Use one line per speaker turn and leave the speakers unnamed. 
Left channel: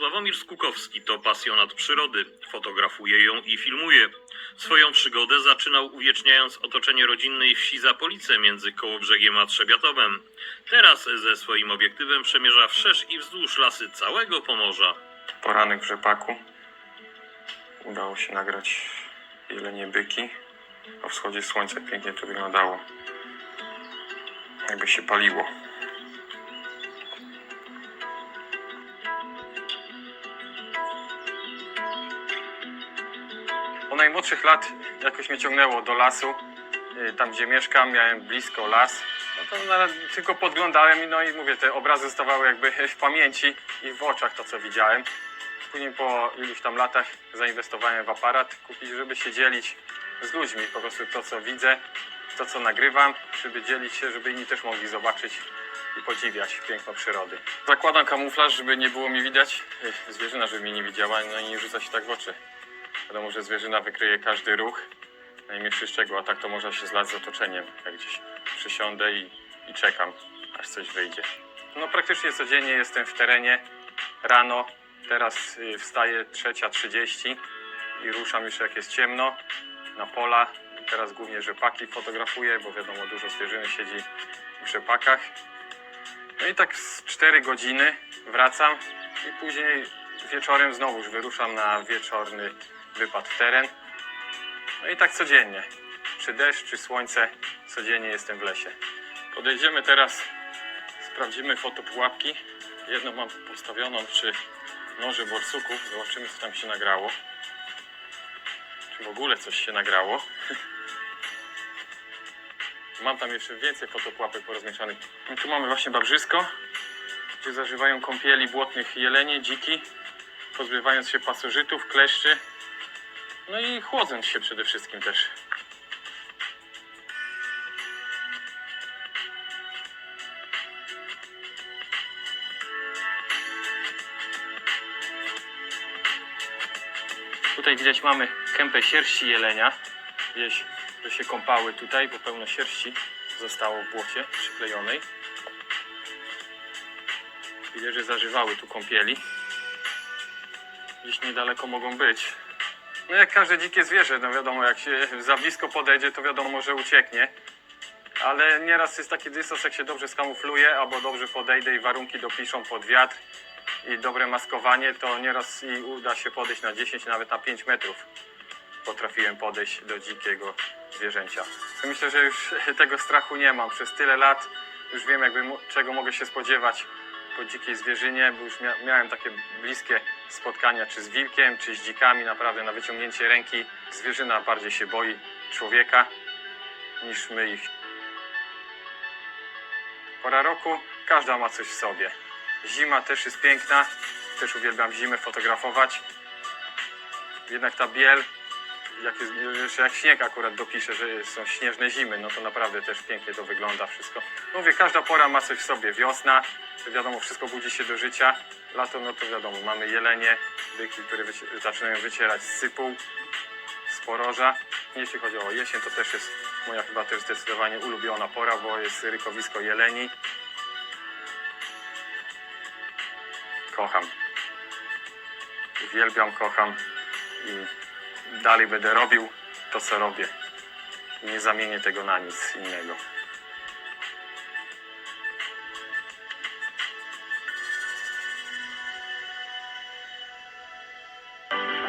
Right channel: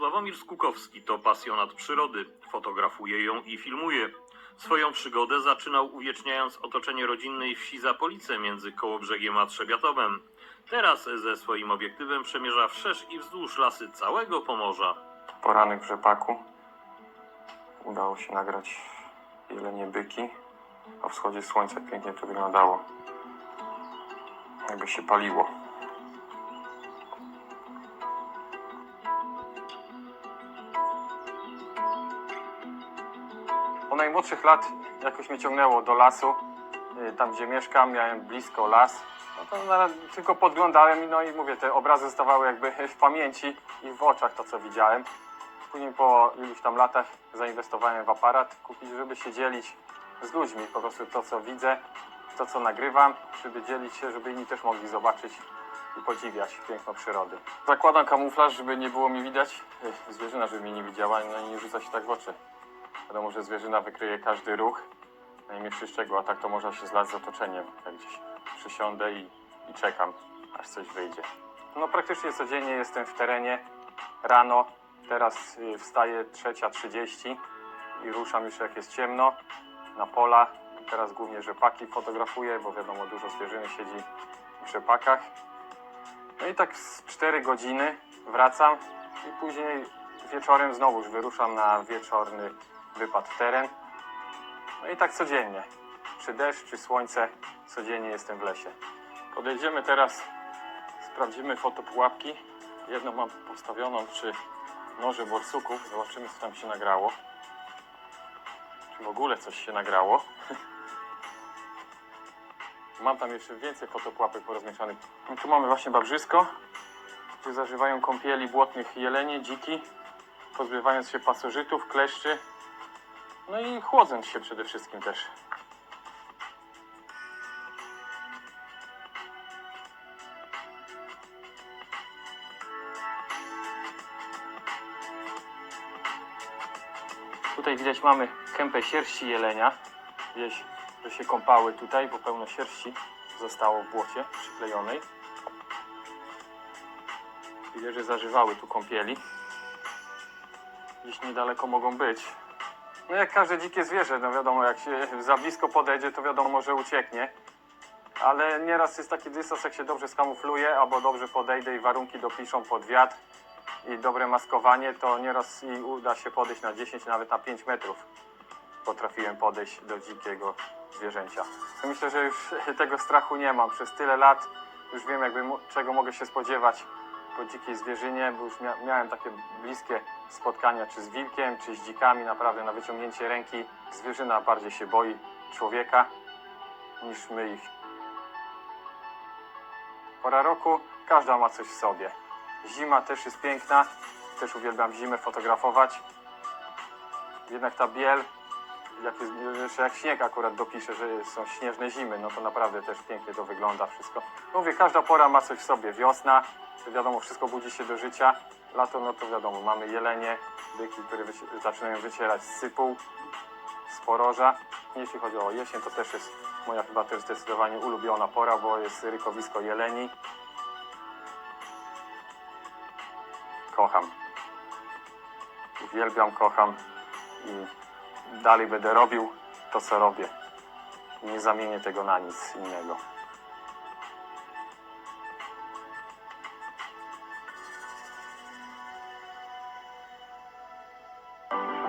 Sławomir Skukowski to pasjonat przyrody. Fotografuje ją i filmuje. Swoją przygodę zaczynał uwieczniając otoczenie rodzinnej wsi Zapolice między Kołobrzegiem a Trzebiatowem. Teraz ze swoim obiektywem przemierza wszerz i wzdłuż lasy całego Pomorza.
Poranek w rzepaku. Udało się nagrać jelenie byki. O wschodzie słońca pięknie to wyglądało. Jakby się paliło. Najmłodszych lat jakoś mnie ciągnęło do lasu. Y, Tam gdzie mieszkam, miałem blisko las. No to tylko podglądałem no i mówię, te obrazy zostawały jakby w pamięci i w oczach to co widziałem. Później po iluś tam latach zainwestowałem w aparat, kupić, żeby się dzielić z ludźmi. Po prostu to co widzę, to co nagrywam, żeby dzielić się, żeby inni też mogli zobaczyć i podziwiać piękno przyrody. Zakładam kamuflaż, żeby nie było mi widać, zwierzyna, żeby mnie nie widziała, no i nie rzuca się tak w oczy. Wiadomo, że zwierzyna wykryje każdy ruch, najmniejszy szczegół, a tak to można się zlać z otoczeniem. Jak gdzieś przysiądę i, i czekam, aż coś wyjdzie. No praktycznie codziennie jestem w terenie, rano, teraz y, wstaję 3.30 i ruszam już jak jest ciemno na pola. Teraz głównie rzepaki fotografuję, bo wiadomo dużo zwierzyny siedzi w rzepakach. No i tak z 4 godziny wracam i później wieczorem znowuż wyruszam na wieczorny wypad w teren. No i tak codziennie. Czy deszcz, czy słońce, codziennie jestem w lesie. Podejdziemy teraz, sprawdzimy fotopułapki. Jedną mam postawioną przy noże borsuków. Zobaczymy, co tam się nagrało. Czy w ogóle coś się nagrało. Mam tam jeszcze więcej fotopułapek porozmieszanych. I tu mamy właśnie babrzysko, gdzie zażywają kąpieli błotnych jelenie, dziki, pozbywając się pasożytów, kleszczy, no i chłodząc się przede wszystkim też. Tutaj widać mamy kępę sierści jelenia. Widać, że się kąpały tutaj, bo pełno sierści zostało w błocie przyklejonej. Widać, że zażywały tu kąpieli. Gdzieś niedaleko mogą być. No jak każde dzikie zwierzę, no wiadomo, jak się za blisko podejdzie, to wiadomo, że ucieknie. Ale nieraz jest taki dystans, jak się dobrze skamufluje, albo dobrze podejdę i warunki dopiszą pod wiatr i dobre maskowanie, to nieraz i uda się podejść na 10, nawet na 5 metrów. Potrafiłem podejść do dzikiego zwierzęcia. Myślę, że już tego strachu nie mam. Przez tyle lat już wiem, jakby, czego mogę się spodziewać po dzikiej zwierzynie, bo już mia miałem takie bliskie spotkania czy z wilkiem, czy z dzikami, naprawdę na wyciągnięcie ręki. Zwierzyna bardziej się boi człowieka niż my ich. Pora roku, każda ma coś w sobie. Zima też jest piękna, też uwielbiam zimę fotografować. Jednak ta biel, jak, jest, jeszcze jak śnieg akurat dopisze, że są śnieżne zimy, no to naprawdę też pięknie to wygląda wszystko. No Mówię, każda pora ma coś w sobie. Wiosna, wiadomo, wszystko budzi się do życia. Lato, no to wiadomo, mamy jelenie, byki, które wyci- zaczynają wycierać z sypu, z poroża. Jeśli chodzi o jesień, to też jest moja chyba też zdecydowanie ulubiona pora, bo jest rykowisko jeleni. Kocham. Uwielbiam, kocham i dalej będę robił to, co robię. Nie zamienię tego na nic innego.